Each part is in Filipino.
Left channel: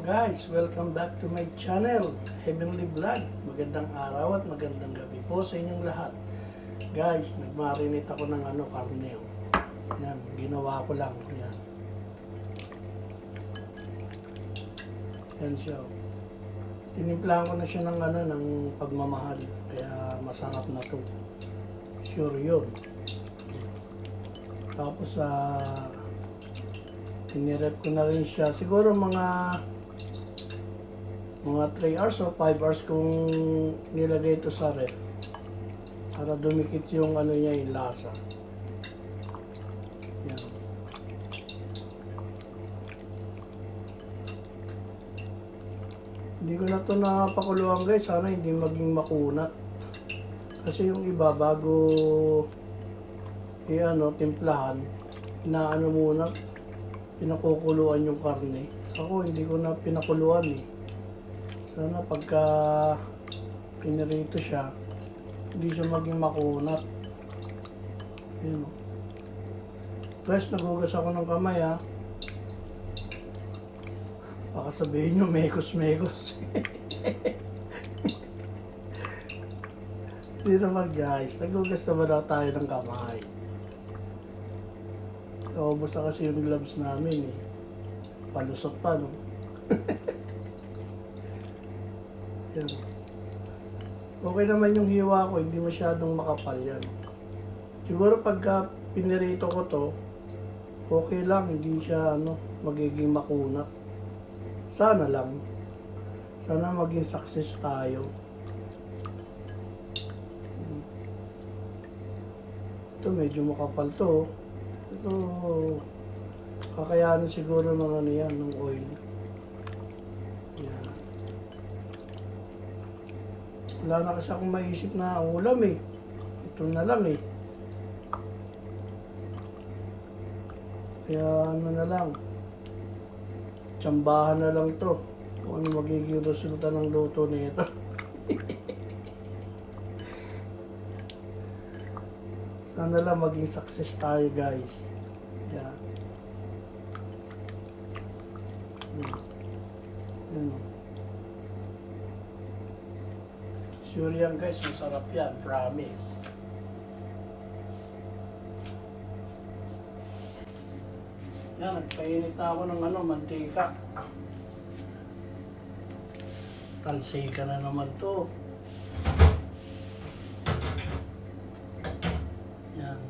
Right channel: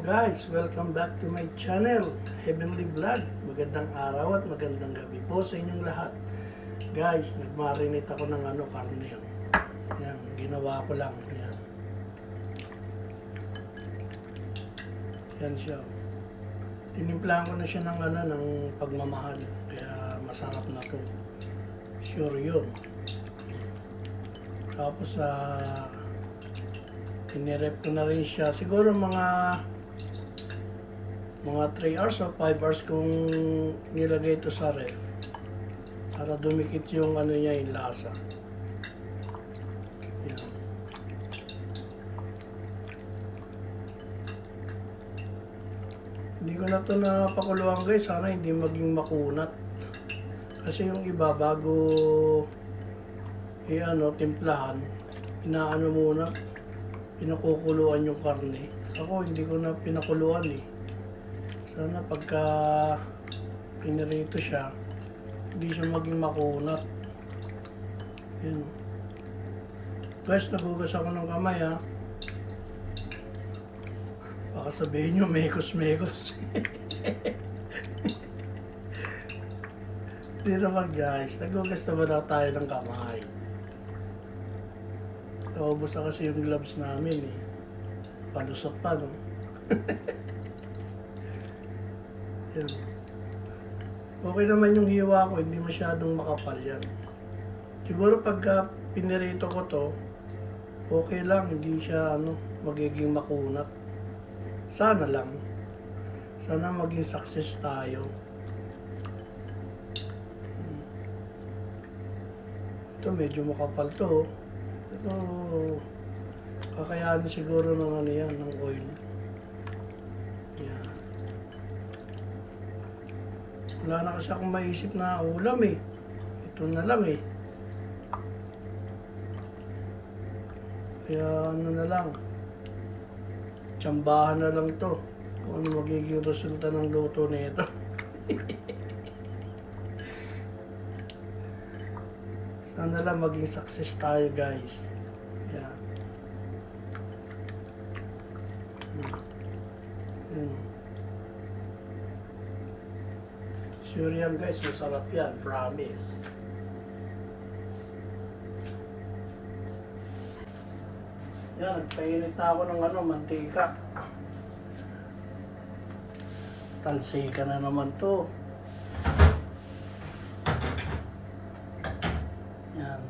Guys, welcome back to my channel, Heavenly Vlog. Magandang araw at magandang gabi po sa inyong lahat. Guys, nagmarinate ako ng karne. Yan, ginawa ko lang. Yan. Yan siya. Tinimplahan ko na siya ng pagmamahal. Kaya masarap na to. Sure yun. Tapos tinirep ko na rin siya. Siguro mga 3 hours o 5 hours kung nilagay ito sa ref. Para dumikit yung niya, yung lasa. Yan. Hindi ko na ito napakuluan guys. Sana hindi maging makunat. Kasi yung iba bago timplahan, muna, pinakukuluan yung karne. Ako hindi ko na pinakuluan eh. Sana pagka pinirito siya, hindi siya maging makunat. Yan. Guys, nagugas ako ng kamay ha. Baka sabihin nyo, mekos-mekos. Hindi naman guys, nagugas naman ako tayo ng kamay. Naubos na kasi yung gloves namin eh. Palusot pa no. Yan. Okay naman yung hiwa ko, hindi masyadong makapal yan. Siguro pagka pinirito ko to, okay lang, hindi siya magiging makunat. Sana lang. Sana maging success tayo. Ito medyo makapal to. Ito kakayanin siguro ng ng oil. Yan. Wala na kasi akong maisip na ulam eh. Ito na lang eh. Kaya na lang. Tsambahan na lang to. Kung ano magiging resulta ng luto nito. Sana lang maging success tayo guys. Yeah. Yan. Sure yan guys, masarap yan, promise. Yan, nagpainit na ako ng mantika. Talsika na naman to. Yan.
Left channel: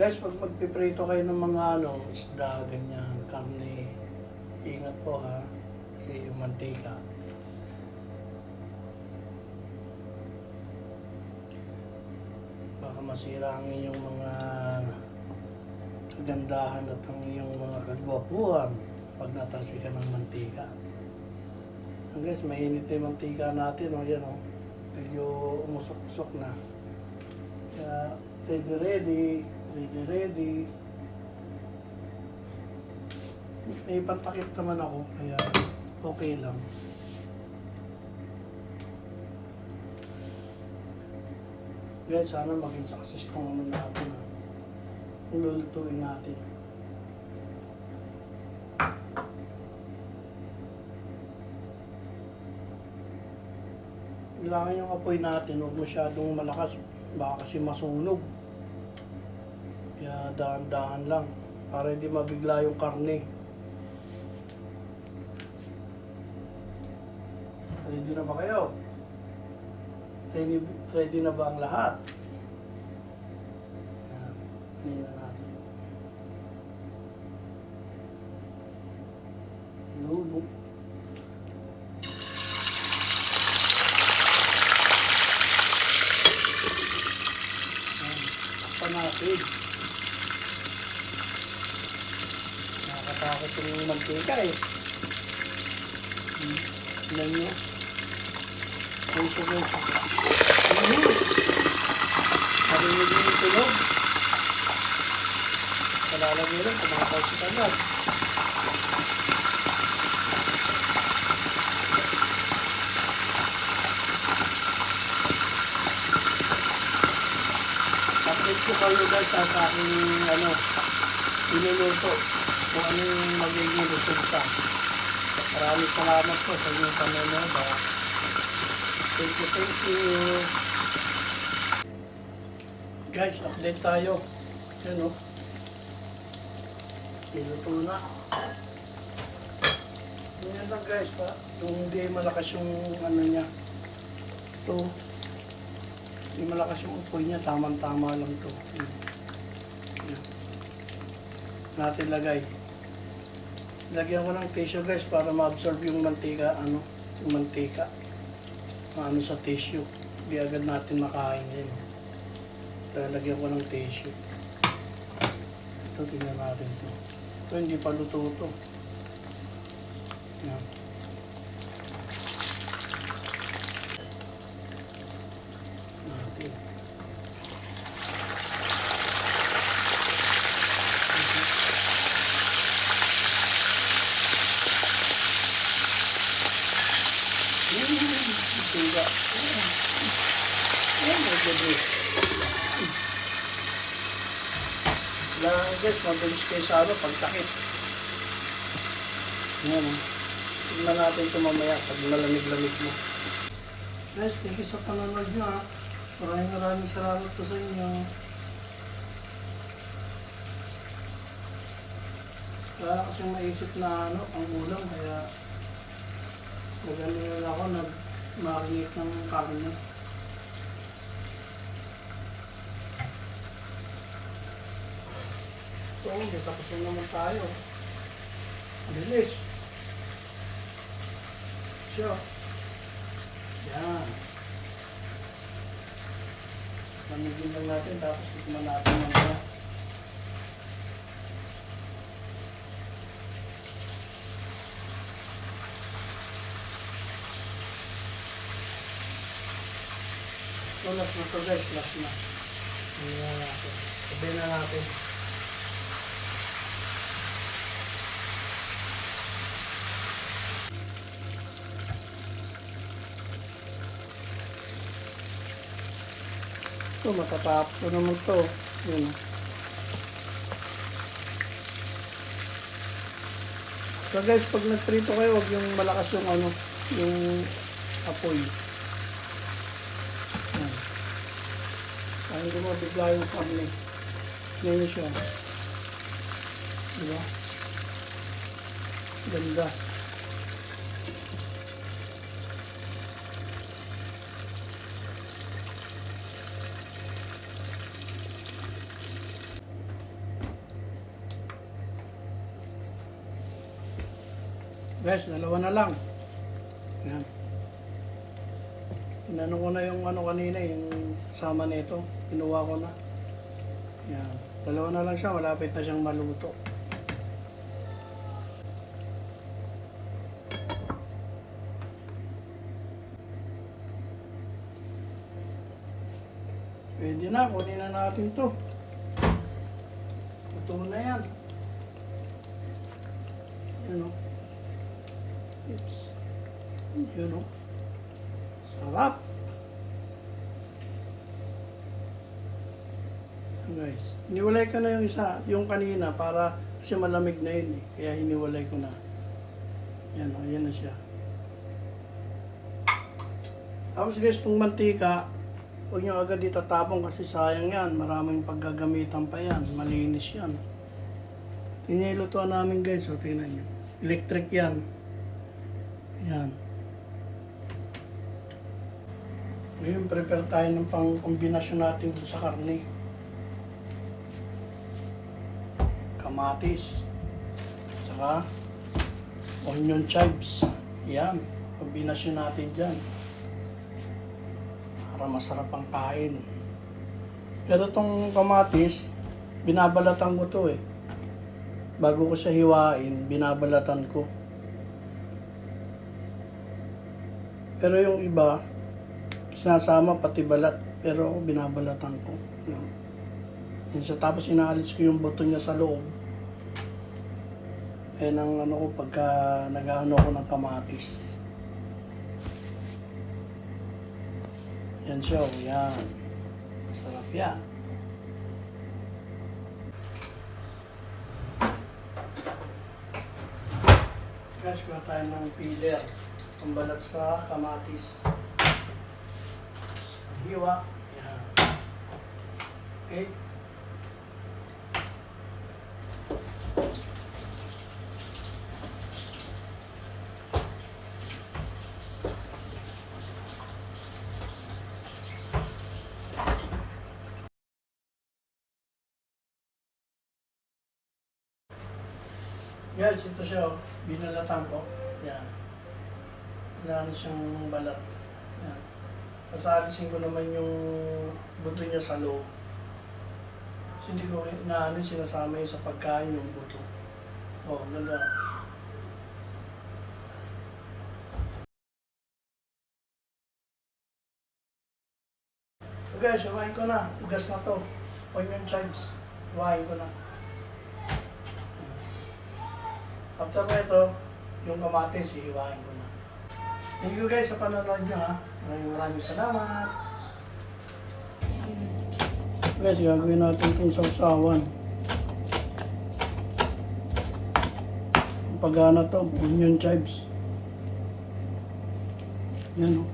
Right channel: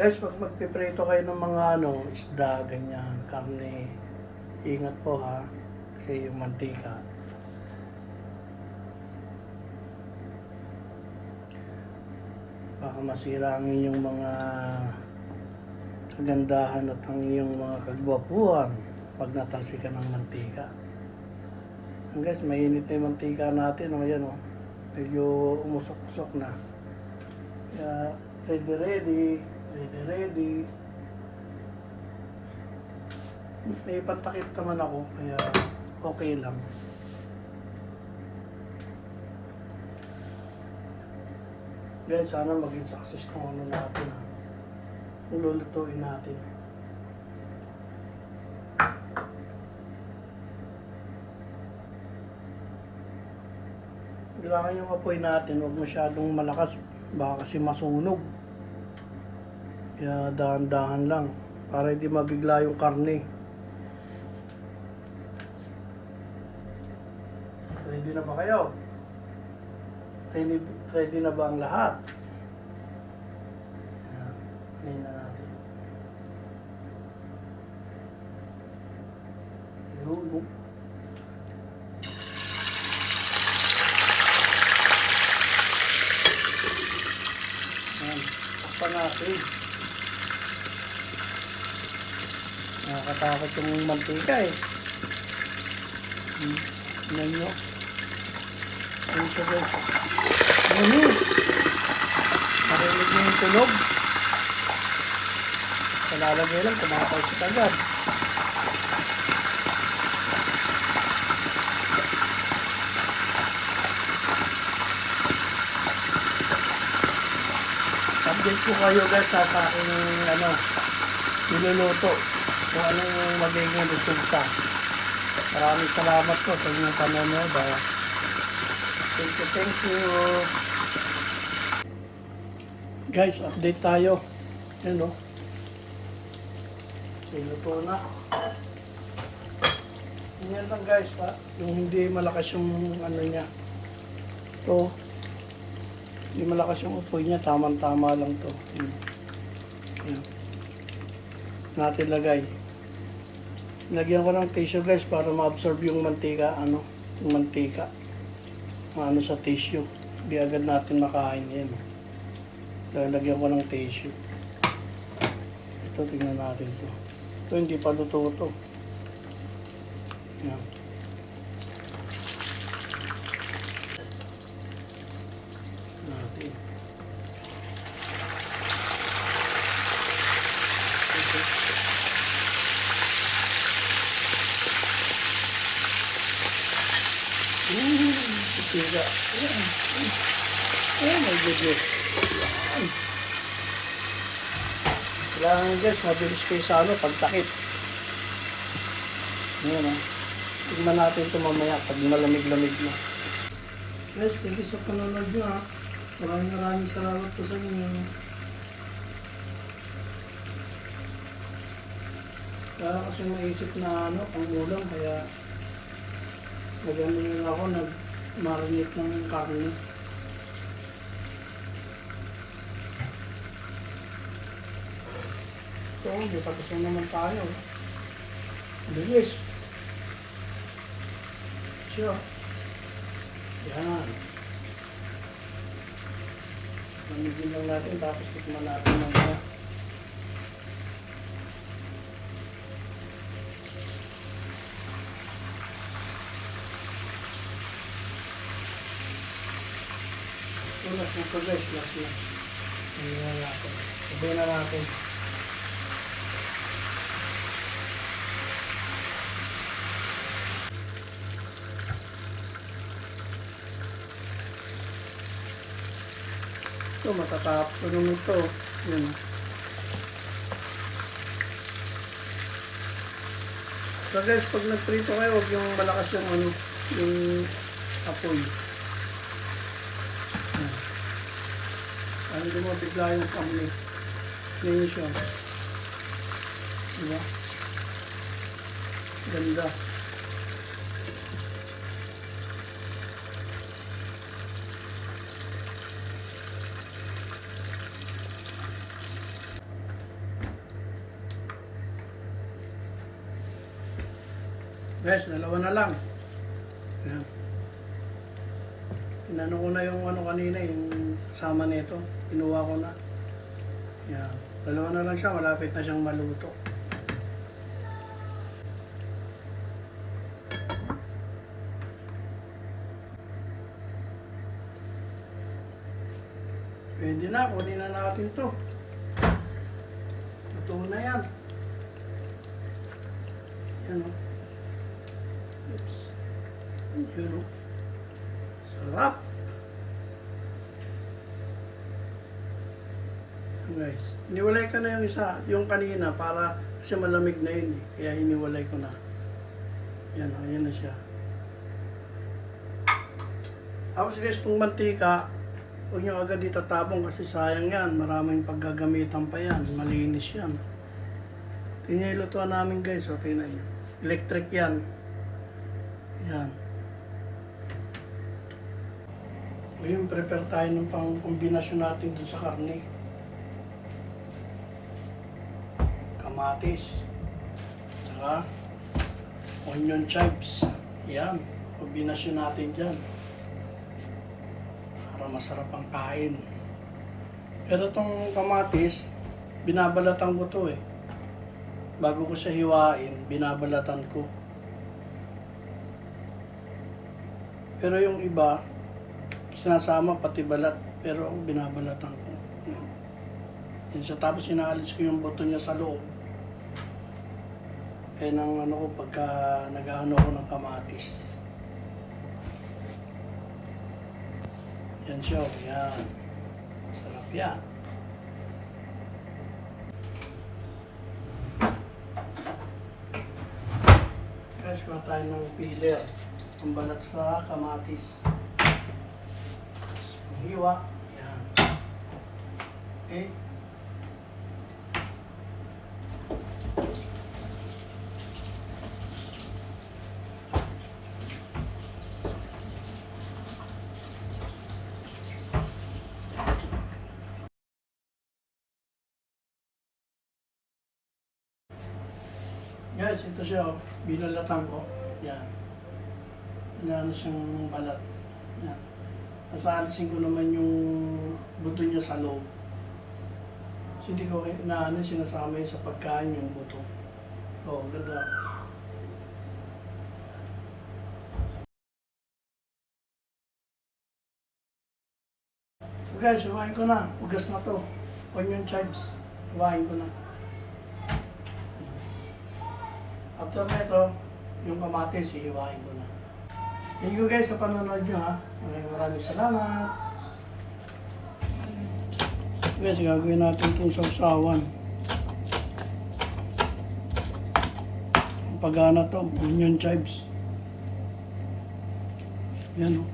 Guys, pag magpiprito kayo ng mga isda, ganyan, karne, ingat po ha. Kasi yung mantika. Baka masira ang inyong mga kagandahan at ang iyong mga kagwapuhan pag natalsikan ng mantika. And guys, mainit na yung mantika natin. Yan, medyo umusok-usok na. Kaya, ready. May patakip naman ako, kaya okay lang. Yan, sana maging success kung natin. Kung lulutuin natin. Kailangan yung apoy natin, huwag masyadong malakas, baka kasi masunog. Kaya dahan-dahan lang, para hindi mabigla yung karne. Ready na ba kayo? Ready na ba ang lahat? Ayan na natin. Yun. Natin. Nakakatakot yung mantika eh. Yan yun. Yan siya guys. Ano? Marinig mo yung tulog. Nalalagay lang, tumatay sa agad. Update ko kayo guys sa aking niluluto. Kung ano yung magiging resulta. Maraming salamat po sa inyong panonood. Thank you, thank you. Guys, update tayo. Yan o. Sinuto na. Yan lang guys, ha? Yung hindi malakas yung ano niya. Ito. Hindi malakas yung upoy niya. Tama-tama lang to. Yan. Natin lagay. Lagyan ko ng tissue guys para ma-absorb yung mantika, yung mantika. Sa tissue. Hindi agad natin makain yan. Lagyan ko ng tissue. Ito, tingnan natin ito. Ito, hindi pa luto ito. Yan. Natin. Oh my goodness. Kailangan guys, mabilis kayo sa pagtakip. Ayan o. Tignan natin ito mamaya pag malamig-lamig na. Guys, thank you sa panonood nyo ha. Maraming salamat po sa inyo. Kaya kasi maisip na pang ulam, kaya nag-ano yun ako, nag-marinate ng karne. So, hindi tapos na naman tayo. Bilis. Siya. Yan. Lamigin lang natin, tapos tikman natin ng siya. So, last na ito guys, last na. Sabihin na natin. Sabihin na natin. Ito, matatapos ko naman ito. Yan. So guys, pag nagprito kayo, huwag yung malakas yung yung apoy. Yan. Ano din mo, bigla yung kamli. Yan siya. Diba? Ganda. Guys, dalawa na lang. Yan. Inano ko na yung kanina, yung sama nito. Kinuha ko na. Yan. Dalawa na lang siya, malapit na siyang maluto. Pwede na, kunin na natin to. Luto na yan. Yan o. Oops. Yun o. Sarap. Guys, hiniwalay ko na yung isa, yung kanina para kasi malamig na yun eh. Kaya hiniwalay ko na. Yan o, yan na siya. Tapos guys, itong mantika, huwag nyo agad itatapon kasi sayang yan. Maraming paggagamitan pa yan. Malinis yan. Tinilutuan namin guys, o tingnan nyo. Electric yan. Yan. Ngayon, prepare tayo ng pang-kombinasyon natin dun sa karne. Kamatis. Saka onion chives. Yan. Kombinasyon natin dyan. Para masarap ang kain. Pero itong kamatis, binabalatan ko to eh. Bago ko siya hiwain, binabalatan ko. Pero yung iba, sinasama pati balat, pero binabalatan ko. Yan siya. Tapos inaalis ko yung buto niya sa loob. Yan ang ko pagka nag-ano ko ng kamatis. Yan siya. Yan. Sarap yan. Guys, kuha tayo ng peeler. Ang balat sa kamatis. Hiwa. Yan. Okay. Guys, ito siya, oh. Binalatan ko. Yan. Wala na siyang balat. Yan. Pasalisin ko naman yung buto niya sa loob. Kasi hindi ko sinasama yun sa pagkain yung buto. Oh, ganda. So guys, iwain ko na. Ugas na to. Onion chives. Iwain ko na. After na ito, yung kamatis, iiwain ko na. Thank you guys sa panonood nyo ha. Maraming salamat. Guys, gagawin natin itong sausawan. Ang pagana to, onion chives. Yan o.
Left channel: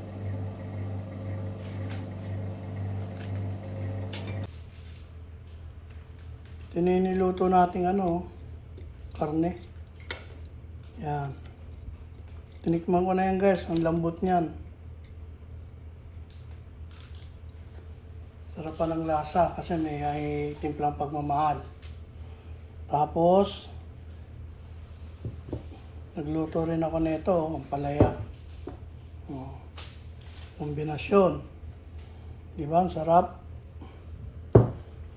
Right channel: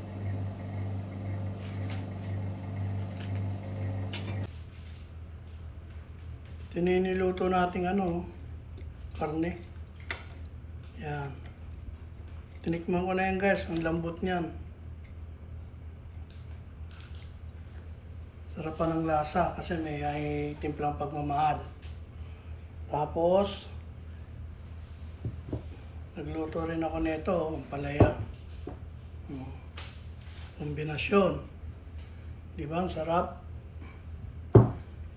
Tininiluto natin karne. Yan. Tinikman ko na yan guys, ang lambot niyan. Sarap pa ng lasa kasi may timplang pagmamahal. Tapos, nagluto rin ako nito, ang palaya. Kombinasyon. Di ba? Ang sarap.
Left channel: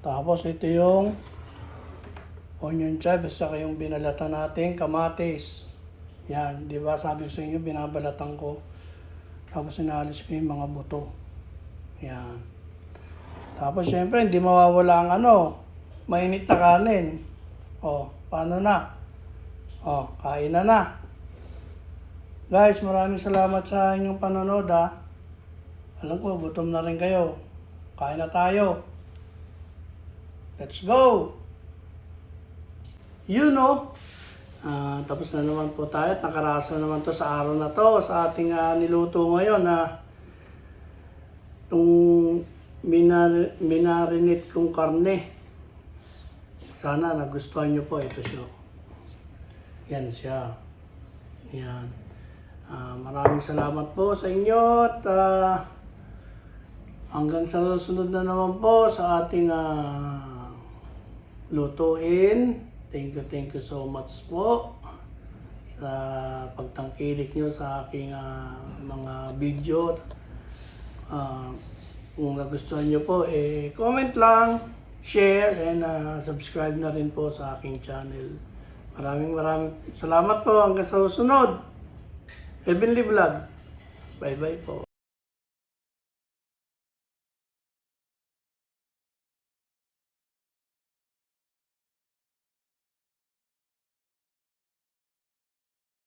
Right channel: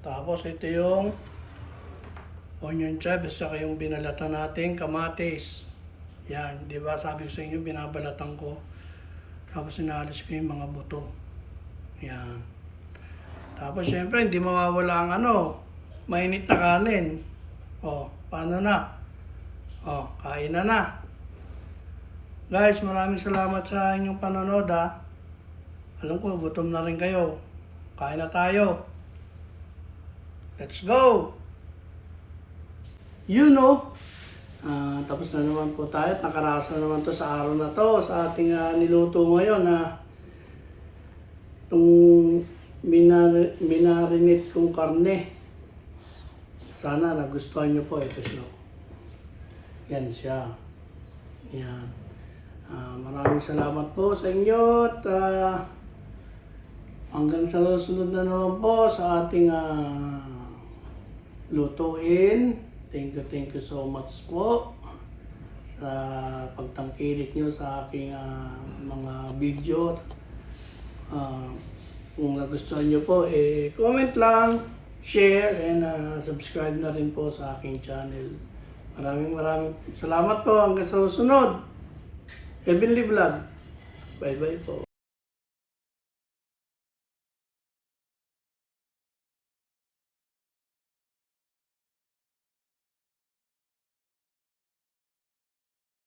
Tapos ito yung onion chives, saka yung binalatan natin kamatis. Yan, di ba sabi ko sa inyo, binabalatan ko. Tapos inalis ko yung mga buto. Yan. Tapos syempre, hindi mawawala ang mainit na kanin. O, paano na? O, kain na. Guys, maraming salamat sa inyong panonood ha. Alam ko, gutom na rin kayo. Kain na tayo. Let's go! Tapos na naman po tayo at nakaraso naman to sa araw na to sa ating niluto ngayon itong minarinate kong karne. Sana nagustuhan nyo po ito siya. Yan siya. Yan. Maraming salamat po sa inyo at hanggang sa susunod na naman po sa ating lutuin. Thank you so much po sa pagtangkilik nyo sa aking mga video. Kung nagustuhan nyo po, comment lang, share, and subscribe na rin po sa aking channel. Maraming salamat po hanggang sa susunod. Heavenly Vlog. Bye bye po.